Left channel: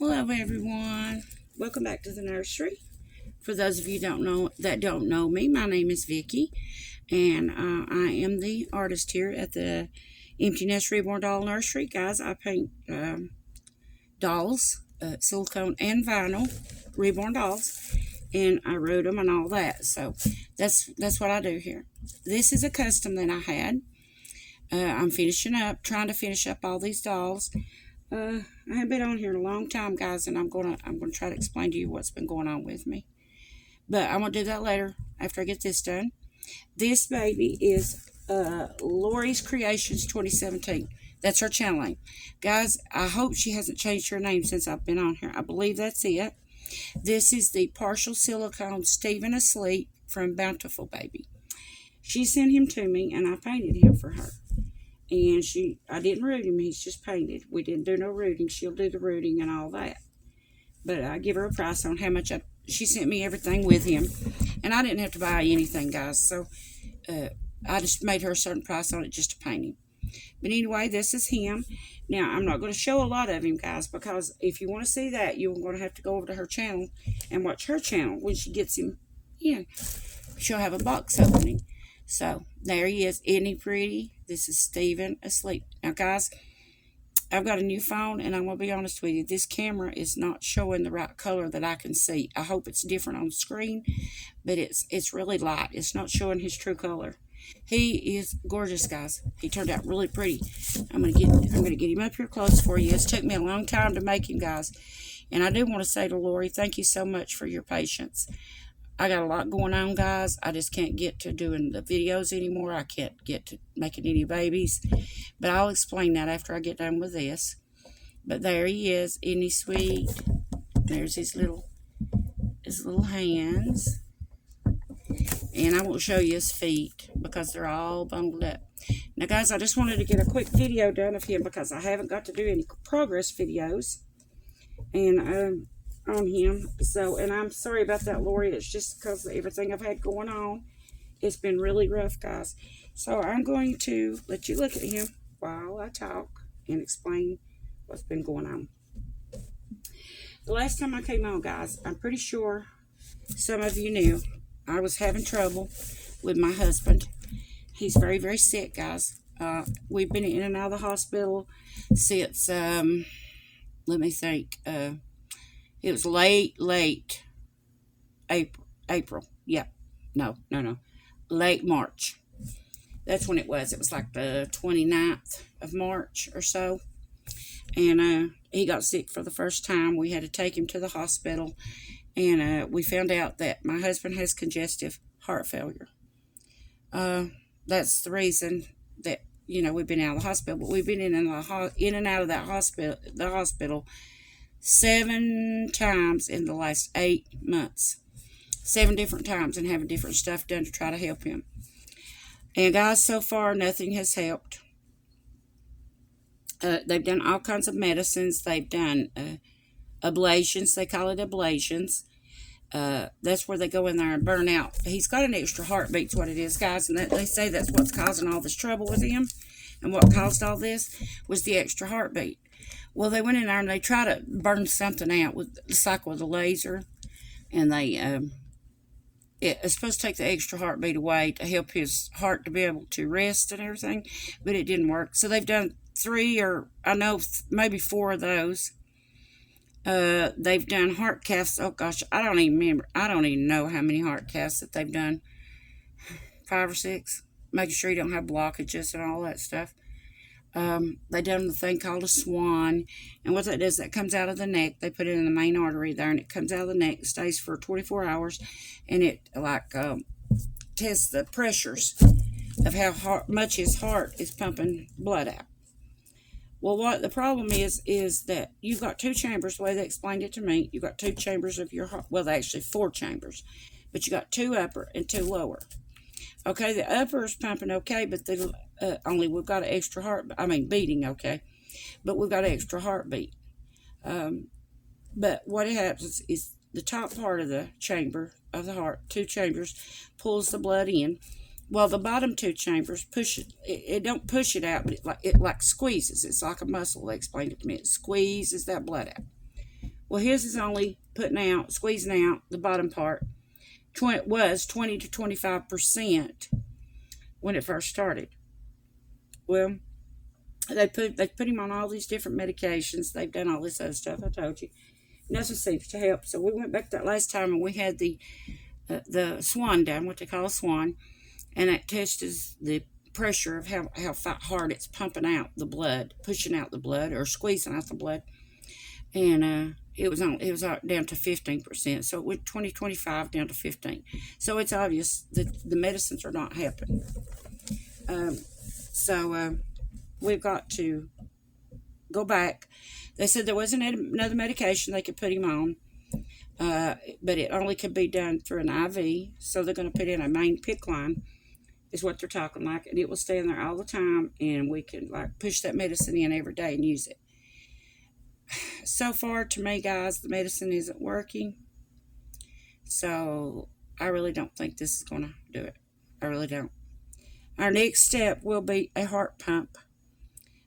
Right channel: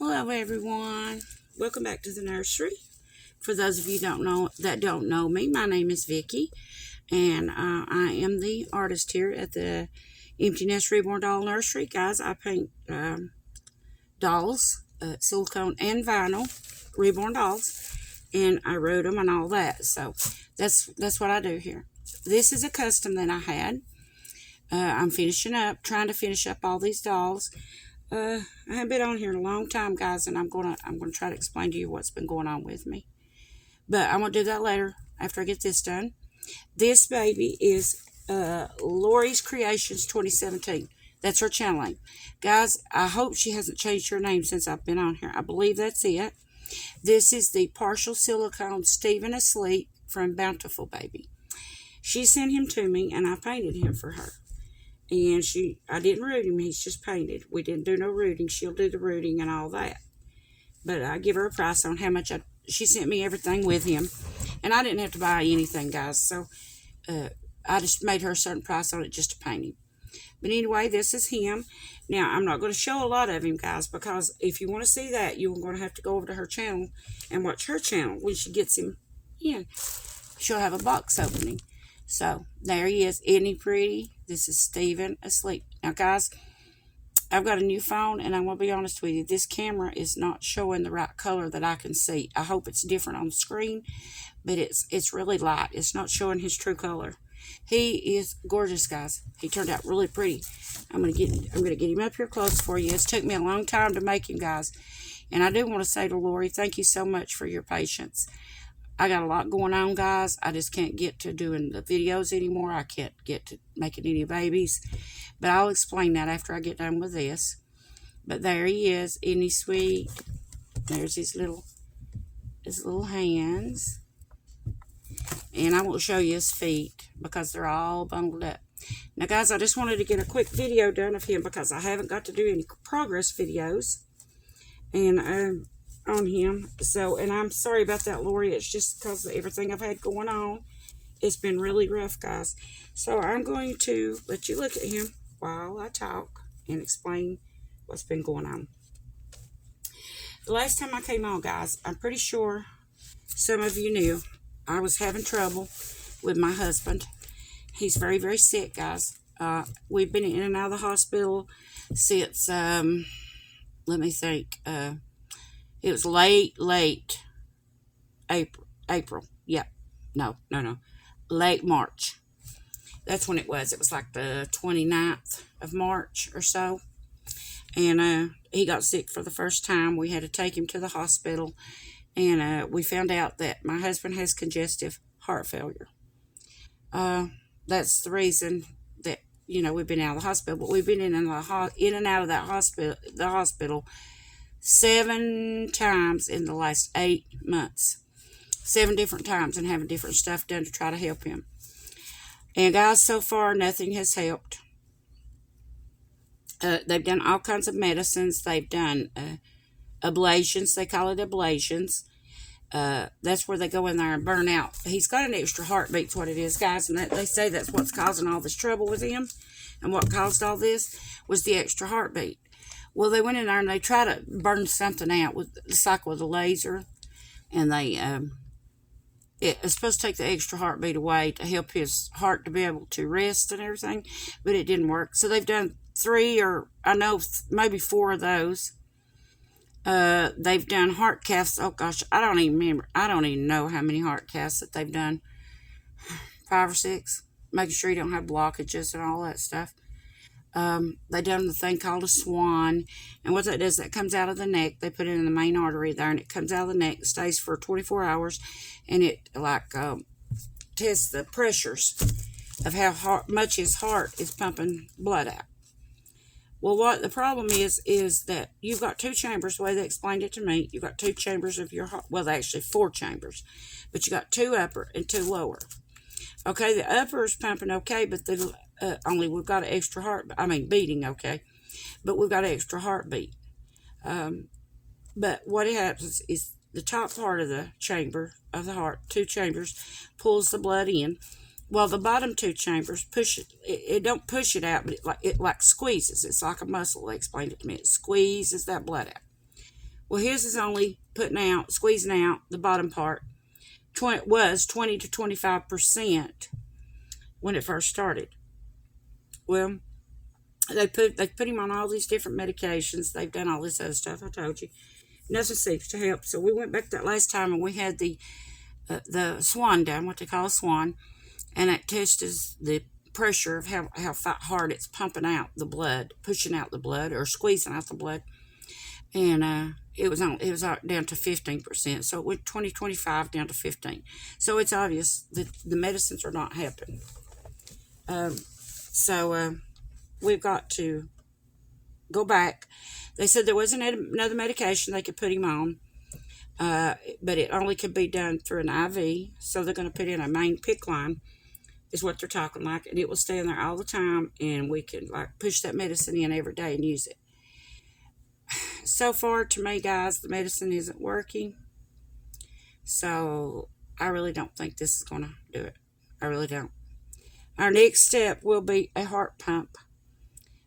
Hello, everyone. Welcome back to the nursery. For those of you don't know me, my name is Vicky, and I am the artist here at the Empty Nest Reborn Doll Nursery. Guys, I paint dolls, silicone and vinyl, reborn dolls, and I wrote them and all that. So that's what I do here. This is a custom that I had. I'm finishing up, trying to finish up all these dolls. I haven't been on here in a long time, guys, and I'm gonna try to explain to you what's been going on with me. But I'm gonna do that later after I get this done. This baby is Lori's Creations 2017. That's her channel name, guys. I hope she hasn't changed her name since I've been on here. I believe that's it. This is the partial silicone Stephen Asleep from Bountiful Baby. She sent him to me, and I painted him for her. And I didn't root him, he's just painted. We didn't do no rooting. She'll do the rooting and all that. But I give her a price on how much she sent me everything with him. And I didn't have to buy anything, guys. So I just made her a certain price on it just to paint him. But anyway, this is him. Now, I'm not going to show a lot of him, guys, because if you want to see that, you're going to have to go over to her channel and watch her channel when she gets him in. She'll have a box opening. So, there he is. Isn't he pretty? This is Stephen Asleep. Now, guys, I've got a new phone, and I'm going to be honest with you. This camera is not showing the right color that I can see. I hope it's different on the screen, but it's really light. It's not showing his true color. He is gorgeous, guys. He turned out really pretty. I'm gonna get him up here close for you. It's took me a long time to make him, guys. And I do want to say to Lori, thank you so much for your patience. I got a lot going on, guys. I just can't get to doing the videos anymore. I can't get to making any babies. But I'll explain that after I get done with this. But there he is. Isn't he sweet? There's his little hands. And I won't show you his feet because they're all bundled up. Now, guys, I just wanted to get a quick video done of him because I haven't got to do any progress videos. And on him. So, and I'm sorry about that, Lori. It's just because of everything I've had going on. It's been really rough, guys. So I'm going to let you look at him while I talk and explain what's been going on. The last time I came on, guys, I'm pretty sure some of you knew I was having trouble with my husband. He's very, very sick, guys. We've been in and out of the hospital since, let me think, it was late April. Yep. No. Late March. That's when it was. It was like the 29th of March or so. And he got sick for the first time. We had to take him to the hospital. And we found out that my husband has congestive heart failure. That's the reason that, we've been out of the hospital. But we've been in and out of the hospital 7 times in the last 8 months. 7 different times, and having different stuff done to try to help him. And guys, so far nothing has helped. They've done all kinds of medicines. They've done ablations. They call it ablations. That's where they go in there and burn out. He's got an extra heartbeat's what it is, guys, and they say that's what's causing all this trouble with him. And what caused all this was the extra heartbeat. Well, they went in there and they tried to burn something out with a laser, and it's supposed to take the extra heartbeat away to help his heart to be able to rest and everything, but it didn't work. So they've done 3 or I know maybe 4 of those. They've done heart caths. Oh gosh, I don't even remember. I don't even know how many heart caths that they've done. 5 or 6, making sure you don't have blockages and all that stuff. They done the thing called a swan, and what that does, that comes out of the neck. They put it in the main artery there, and it comes out of the neck, stays for 24 hours, and it tests the pressures of how much his heart is pumping blood out. Well, what the problem is that you've got 2 chambers. The way they explained it to me, you've got 2 chambers of your heart. Well, actually 4 chambers, but you got 2 upper and 2 lower. Okay, the upper is pumping okay, but we've got an extra beating okay, but we've got an extra heartbeat. But what happens is the top part of the chamber of the heart, 2 chambers, pulls the blood in, while the bottom 2 chambers push it don't push it out, but it like squeezes. It's like a muscle. They explained it to me. It squeezes that blood out. Well, his is only squeezing out the bottom part. Was 20 to 25% when it first started. Well, they put him on all these different medications. They've done all this other stuff. I told you, nothing seems to help. So we went back that last time, and we had the swan done, what they call a swan, and it tests the pressure of how hard it's pumping out the blood, pushing out the blood, or squeezing out the blood. And it was down to 15%. So it went 20-25 down to 15. So it's obvious that the medicines are not helping. So we've got to go back. They said there wasn't another medication they could put him on, but it only could be done through an IV. So they're going to put in a main PICC line, is what they're talking like, and it will stay in there all the time, and we can like push that medicine in every day and use it. So far, to me, guys, the medicine isn't working. So I really don't think this is going to do it. I really don't. Our next step will be a heart pump.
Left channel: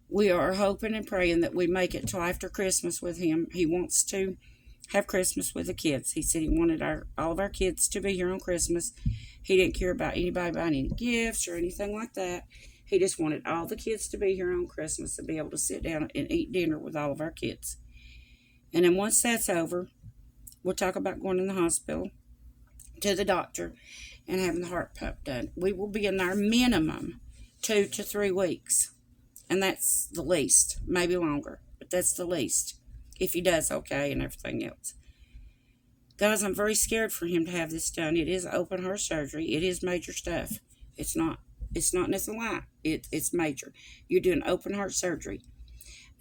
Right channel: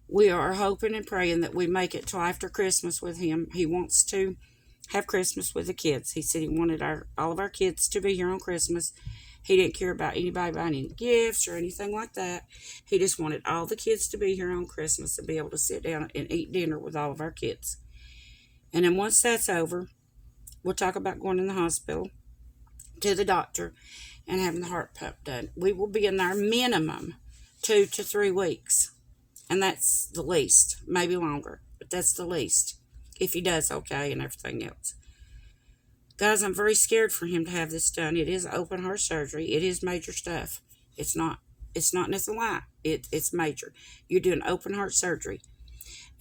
We are hoping and praying that we make it till after Christmas with him. He wants to have Christmas with the kids. He said he wanted all of our kids to be here on Christmas. He didn't care about anybody buying any gifts or anything like that. He just wanted all the kids to be here on Christmas and be able to sit down and eat dinner with all of our kids. And then once that's over, we'll talk about going in the hospital to the doctor and having the heart pump done. We will be in there minimum 2 to 3 weeks. And that's the least, maybe longer, but that's the least, if he does okay and everything else. Guys, I'm very scared for him to have this done. It is open heart surgery. It is major stuff. It's not nothing light. It's major. You're doing open heart surgery.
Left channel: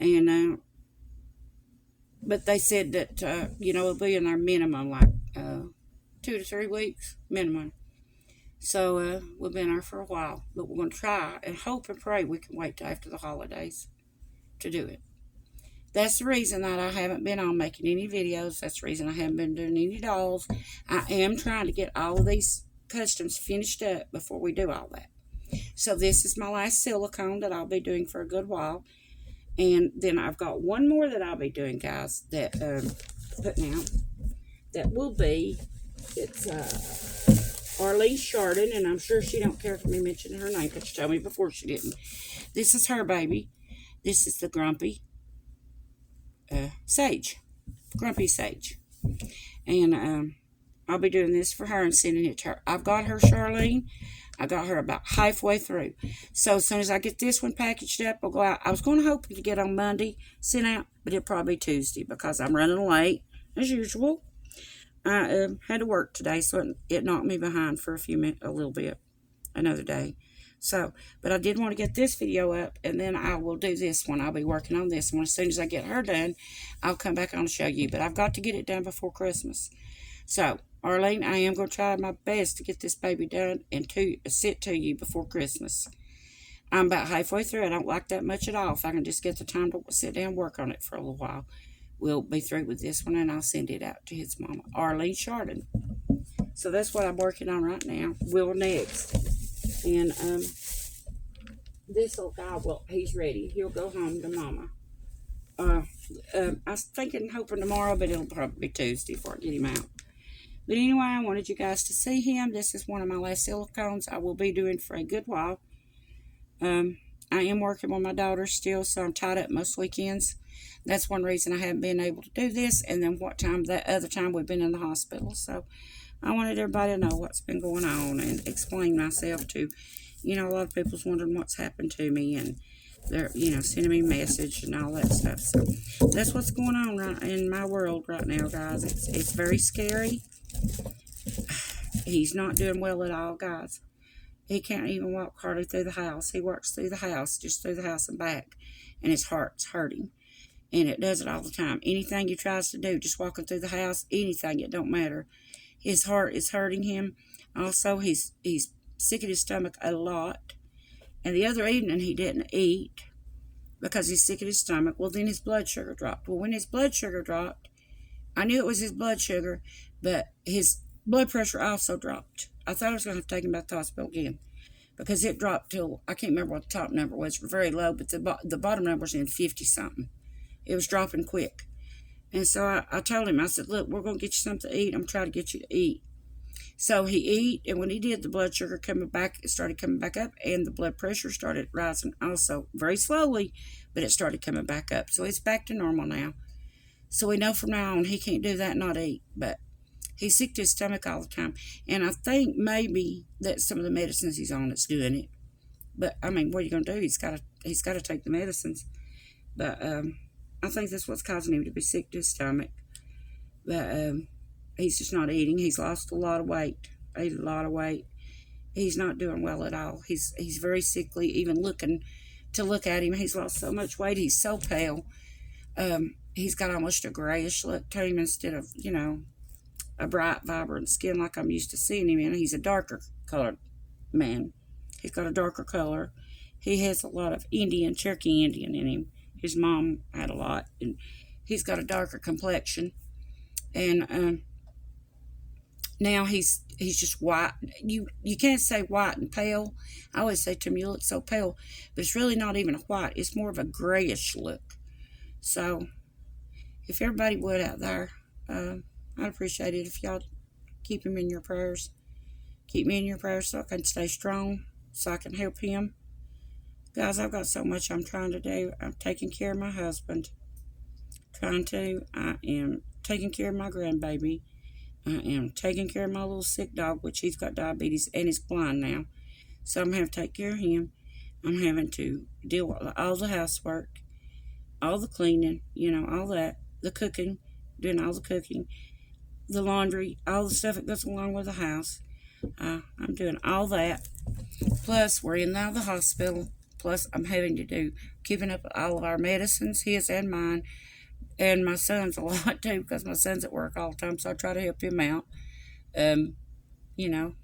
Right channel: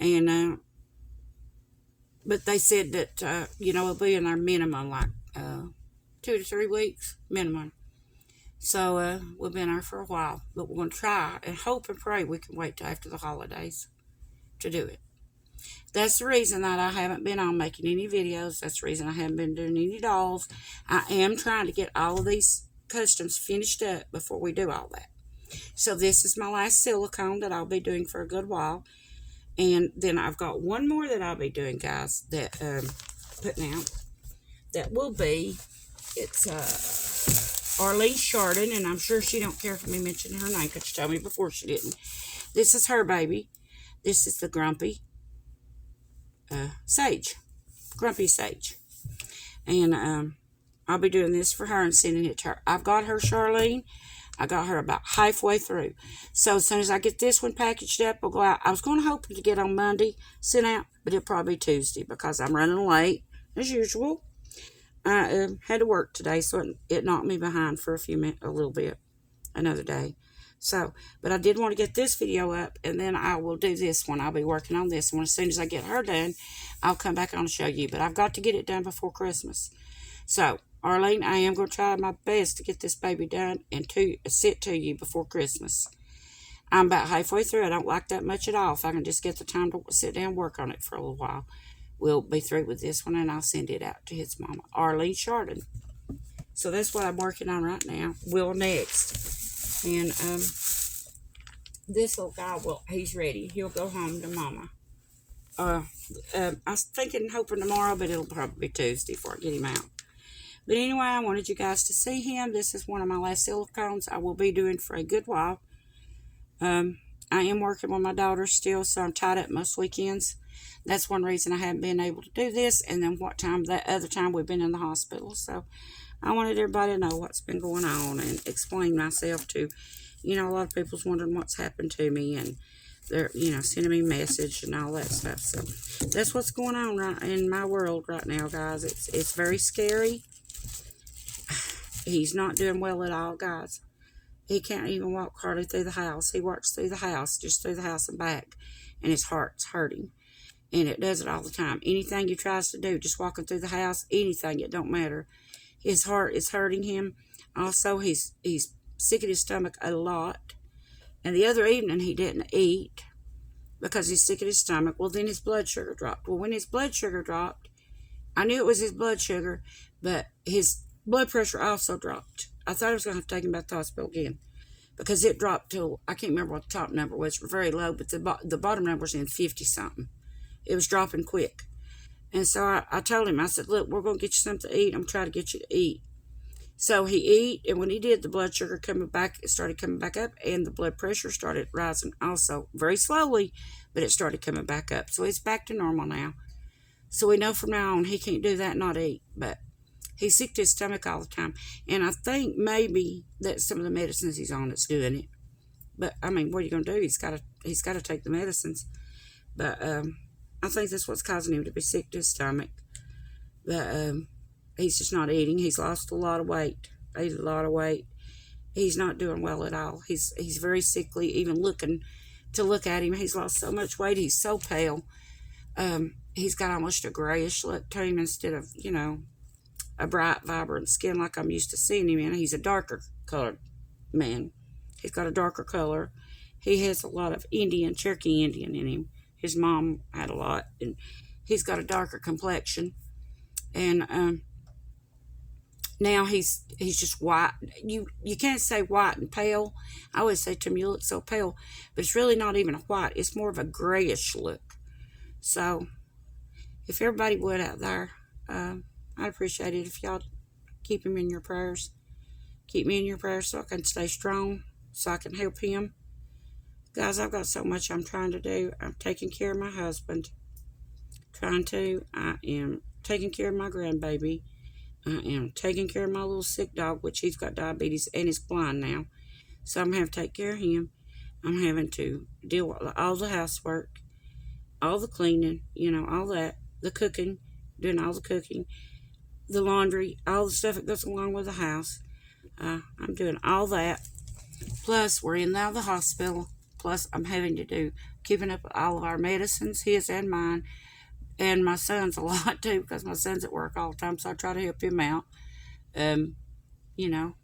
And but they said that it'll be in our minimum like 2 to 3 weeks minimum. So we'll be in there for a while, but we're going to try and hope and pray we can wait till after the holidays to do it. That's the reason that I haven't been on making any videos. That's the reason I haven't been doing any dolls. I am trying to get all of these customs finished up before we do all that. So this is my last silicone that I'll be doing for a good while. And then I've got one more that I'll be doing, guys, that putting out. That will be, it's Arlene Chardon, and I'm sure she don't care for me mentioning her name because she told me before she didn't. This is her baby. This is the Grumpy Sage. Grumpy Sage. And I'll be doing this for her and sending it to her. I've got her, Charlene. I got her about halfway through. So as soon as I get this one packaged up, I'll go out. I was going to hope to get on Monday sent out, but it'll probably be Tuesday because I'm running late, as usual. I had to work today, so it knocked me behind for a little bit, another day. So, but I did want to get this video up, and then I will do this one. I'll be working on this one. As soon as I get her done, I'll come back on and show you. But I've got to get it done before Christmas. So, Arlene, I am going to try my best to get this baby done and to sit to you before Christmas. I'm about halfway through. I don't like that much at all. If I can just get the time to sit down and work on it for a little while. We'll be through with this one, and I'll send it out to his mama, Arlene Chardon. So that's what I'm working on right now. Will next. And this little guy, well, he's ready. He'll go home to mama. I was thinking, hoping tomorrow, but it'll probably be Tuesday before I get him out. But anyway, I wanted you guys to see him. This is one of my last silicones I will be doing for a good while. I am working with my daughter still, so I'm tied up most weekends. That's one reason I haven't been able to do this. And then that other time we've been in the hospital. So I wanted everybody to know what's been going on and explain myself to, a lot of people's wondering what's happened to me, and they're, sending me a message and all that stuff. So that's what's going on right in my world right now, guys. It's very scary. He's not doing well at all, guys. He can't even walk hardly through the house. He walks through the house, just through the house and back, and his heart's hurting. And it does it all the time. Anything he tries to do, just walking through the house, anything, it don't matter. His heart is hurting him. Also, he's sick at his stomach a lot. And the other evening, he didn't eat because he's sick at his stomach. Well, then his blood sugar dropped. Well, when his blood sugar dropped, I knew it was his blood sugar, but his blood pressure also dropped. I thought I was going to have to take him back to the hospital again because it dropped till, I can't remember what the top number was, very low, but the bottom number was in 50-something. It was dropping quick. And so I told him, I said, look, we're going to get you something to eat. I'm trying to get you to eat. So he ate, and when he did, the blood sugar coming back, it started coming back up, and the blood pressure started rising also, very slowly, but it started coming back up. So he's back to normal now. So we know from now on he can't do that, not eat. But he's sick to his stomach all the time. And I think maybe that some of the medicines he's on is doing it. But I mean, what are you gonna do? He's gotta take the medicines. But I think that's what's causing him to be sick to his stomach. But he's just not eating. He's lost a lot of weight. Ate a lot of weight. He's not doing well at all. He's very sickly. Even looking to look at him, he's lost so much weight. He's so pale. He's got almost a grayish look to him instead of a bright, vibrant skin like I'm used to seeing him in. He's a darker colored man. He's got a darker color. He has a lot of Cherokee Indian in him. His mom had a lot, and he's got a darker complexion. And now he's just white. You can't say white and pale. I always say to him, you look so pale, but it's really not even a white. It's more of a grayish look. So if everybody would out there, I'd appreciate it if y'all keep him in your prayers. Keep me in your prayers so I can stay strong, so I can help him. Guys, I've got so much I'm trying to do. I'm taking care of my husband. I am taking care of my grandbaby. I am taking care of my little sick dog, which he's got diabetes and is blind now. So I'm having to take care of him. I'm having to deal with all the housework, all the cleaning, all that, the cooking, doing all the cooking, the laundry, all the stuff that goes along with the house. I'm doing all that. Plus, we're in now the hospital. Plus, I'm having to do keeping up with all of our medicines, his and mine, and my son's a lot too because my son's at work all the time. So I try to help him out. And then,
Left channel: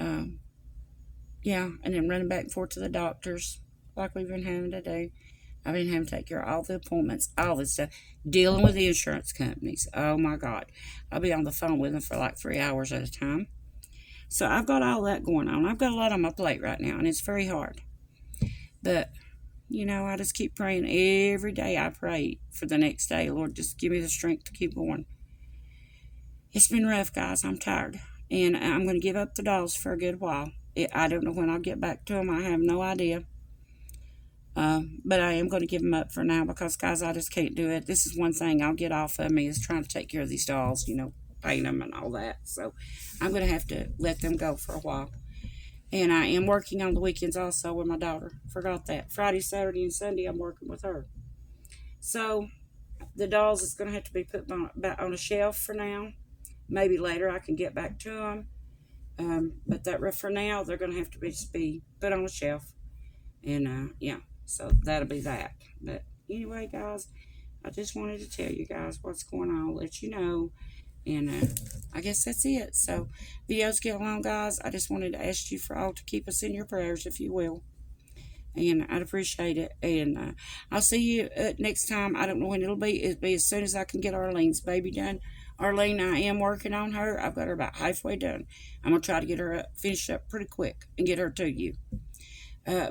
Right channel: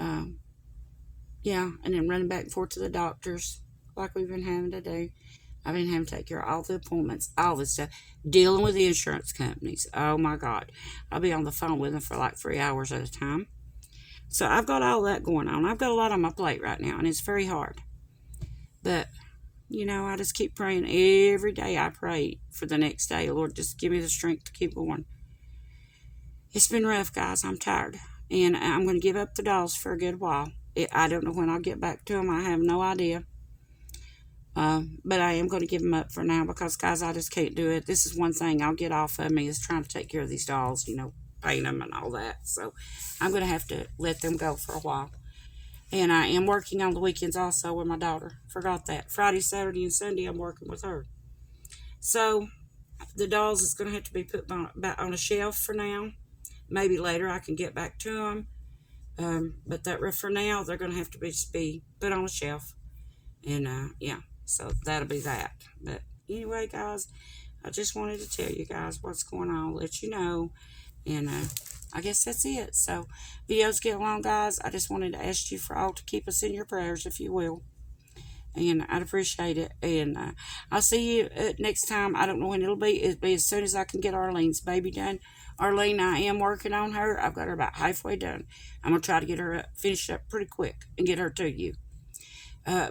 and then running back and forth to the doctors like we've been having to do. I've been having to take care of all the appointments, all this stuff, dealing with the insurance companies. Oh my God, I'll be on the phone with them for like 3 hours at a time. So I've got all that going on. I've got a lot on my plate right now, and it's very hard. But, I just keep praying every day. I pray for the next day. Lord, just give me the strength to keep going. It's been rough, guys. I'm tired. And I'm going to give up the dolls for a good while. I don't know when I'll get back to them. I have no idea. But I am going to give them up for now because, guys, I just can't do it. This is one thing I'll get off of me is trying to take care of these dolls, paint them and all that. So I'm going to have to let them go for a while. And I am working on the weekends also with my daughter. Forgot that. Friday, Saturday, and Sunday I'm working with her. So the dolls is going to have to be put on a shelf for now. Maybe later I can get back to them. But for now, they're going to have to be put on a shelf. And so that'll be that. But anyway, guys, I just wanted to tell you guys what's going on, let you know. And I guess that's it. So videos get long, guys. I just wanted to ask you for all to keep us in your prayers, if you will. And I'd appreciate it. And I'll see you next time. I don't know when it'll be. It'll be as soon as I can get Arlene's baby done. Arlene, I am working on her. I've got her about halfway done. I'm going to try to get her finished up pretty quick and get her to you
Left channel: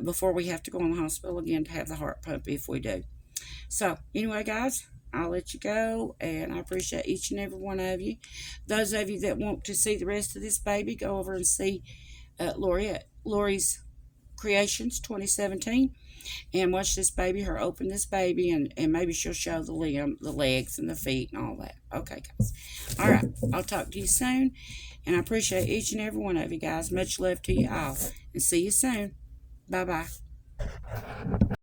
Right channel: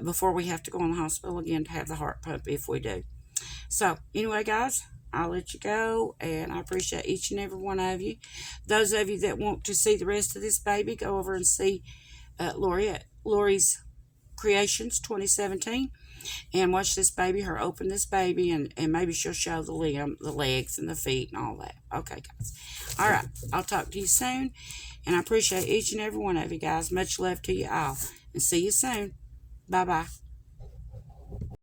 before we have to go in the hospital again to have the heart pump if we do. So anyway, guys, I'll let you go, and I appreciate each and every one of you. Those of you that want to see the rest of this baby, go over and see Lori's Creations 2017, and watch this baby, her open this baby, and maybe she'll show the legs and the feet and all that. Okay, guys. All right, I'll talk to you soon, and I appreciate each and every one of you guys. Much love to you all, and see you soon. Bye-bye.